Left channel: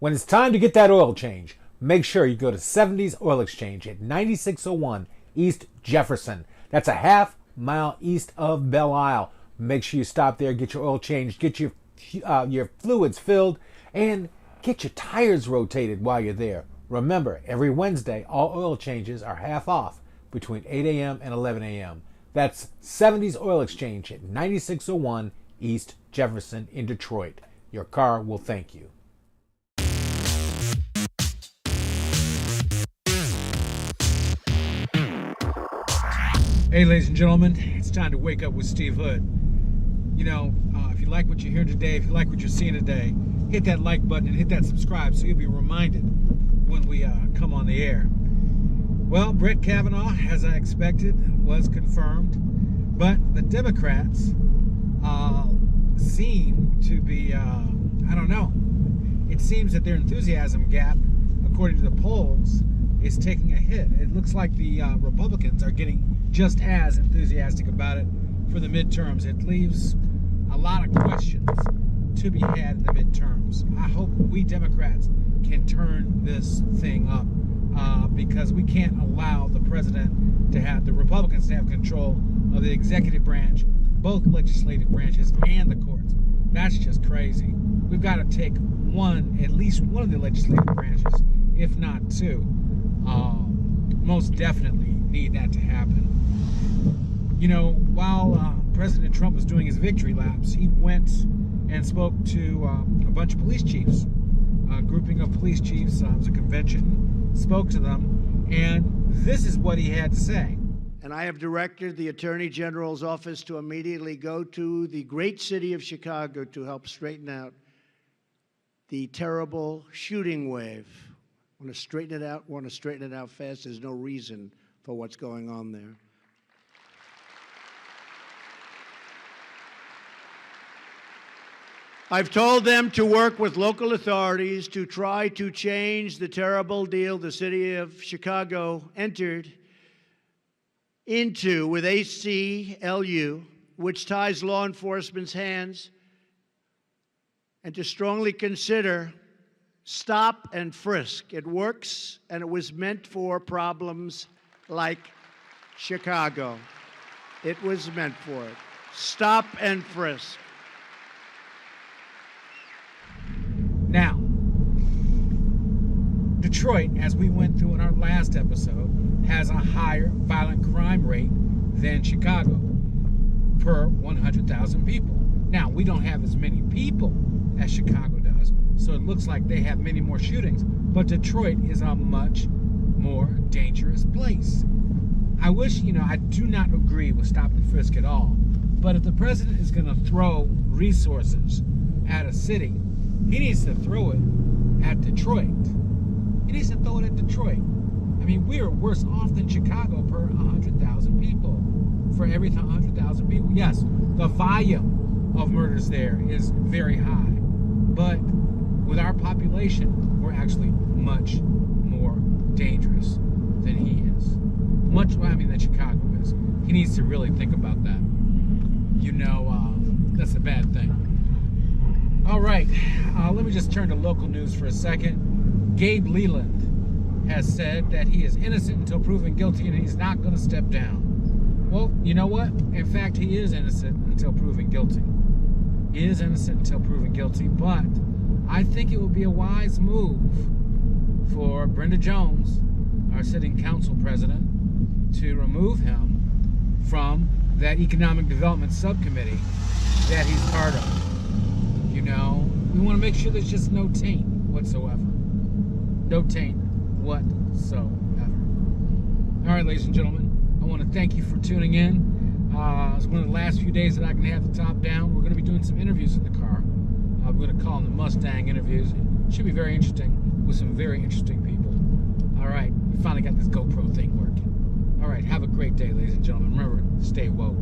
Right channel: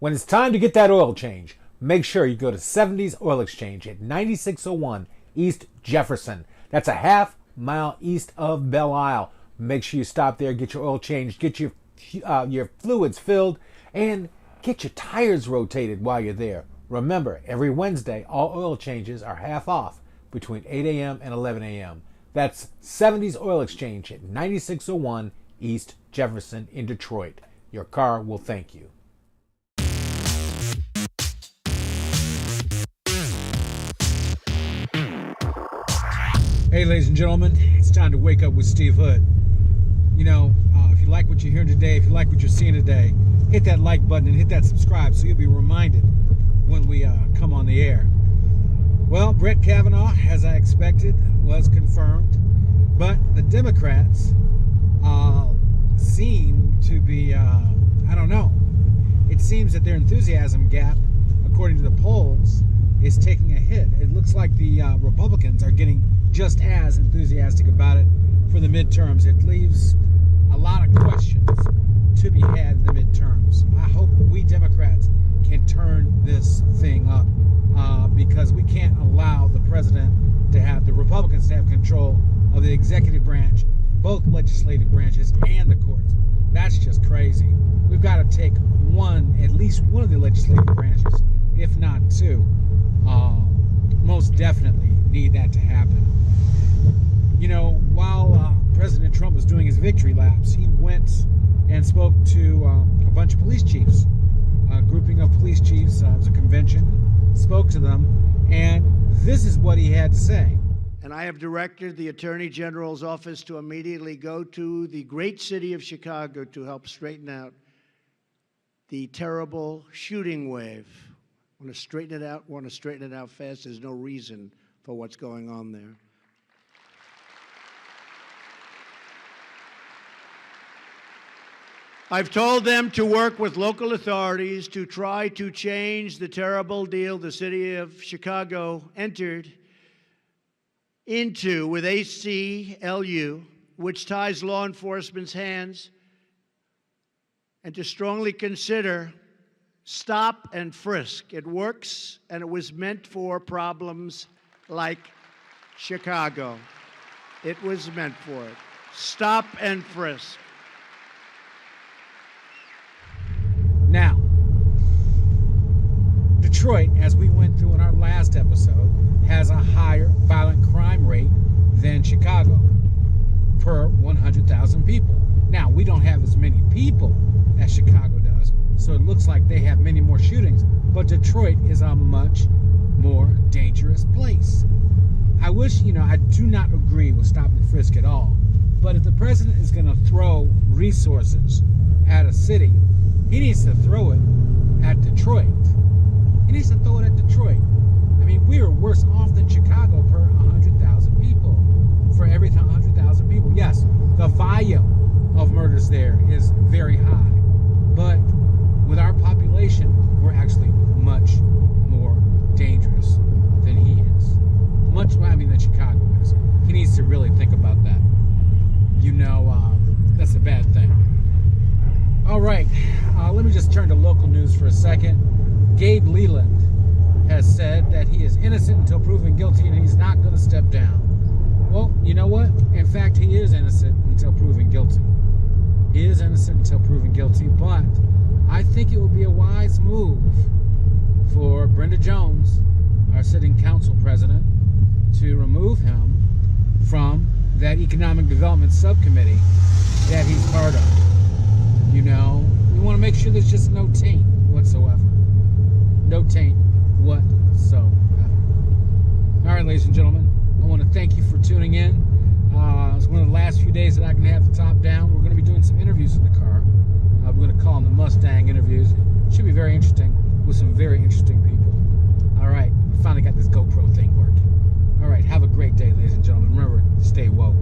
When it's time to get that oil change, make sure you go to 70s Oil Exchange at 9601 East Jefferson. That's a half mile east of Belle Isle. Make sure you stop there, get your oil changed, get your fluids filled, and get your tires rotated while you're there. Remember, every Wednesday, all oil changes are half off between 8 a.m. and 11 a.m. That's 70s Oil Exchange at 9601 East Jefferson in Detroit. Your car will thank you. Hey, ladies and gentlemen, it's time to wake up with Steve Hood. You know, if you like what you're hearing today, if you like what you're seeing today, hit that like button and hit that subscribe so you'll be reminded when we come on the air. Well, Brett Kavanaugh, as I expected, was confirmed, but the Democrats seem to be, I don't know. It seems that their enthusiasm gap, according to the polls, is taking a hit. It looks like the Republicans are getting just as enthusiastic about it for the midterms. It leaves a lot of questions to be had in the midterms. I hope we Democrats can turn this thing up because we can't allow the president to have, the Republicans to have control of the executive branch, both legislative branches and the courts. That's just crazy. We've got to take at least one of the legislative branches, if not two. Most definitely need that to happen. You know, while President Trump was doing his victory laps, he went and spoke to a bunch of police chiefs. A grouping of police chiefs, it was a convention, spoke to them, and this is what he had to say. And I have directed the Attorney General's office to immediately go to the great city of Chicago to help straighten out the terrible shooting wave. Want to straighten it out fast. There's no reason for what's going on there. I've told them to work with local authorities to try to change the terrible deal the city of Chicago entered into with ACLU, which ties law enforcement's hands, and to strongly consider stop and frisk. It works, and it was meant for problems like Chicago. It was meant for it. Stop and frisk. Now, Detroit, as we went through in our last episode, has a higher violent crime rate than Chicago per 100,000 people. Now, we don't have as many people as Chicago does, so it looks like they have many more shootings, but Detroit is a much more dangerous place. I wish, I do not agree with stop and frisk at all, but if the president is going to throw resources at a city, he needs to throw it at Detroit. He needs to throw it at Detroit. I mean, we are worse off than Chicago per 100,000 people. For every 100,000 people. Yes, the volume of murders there is very high. But with our population, we're actually much more dangerous than he is. Than Chicago is. He needs to really think about that. That's a bad thing. All right, let me just turn to local news for a second. Gabe Leland has said that he is innocent until proven guilty and he's not going to step down. Well, you know what? In fact, he is innocent until proven guilty. He is innocent until proven guilty, but I think it would be a wise move for Brenda Jones, our sitting council president, to remove him from that economic development subcommittee that he's part of. We want to make sure there's just no taint whatsoever. No taint whatsoever. All right, ladies and gentlemen, I want to thank you for tuning in. It's one of the last few days that I can have the top down. We're going to be doing some interviews in the car. We're going to call them the Mustang interviews. It should be very interesting with some very interesting people. All right, we finally got this GoPro thing working. All right, have a great day, ladies and gentlemen. Remember, stay woke.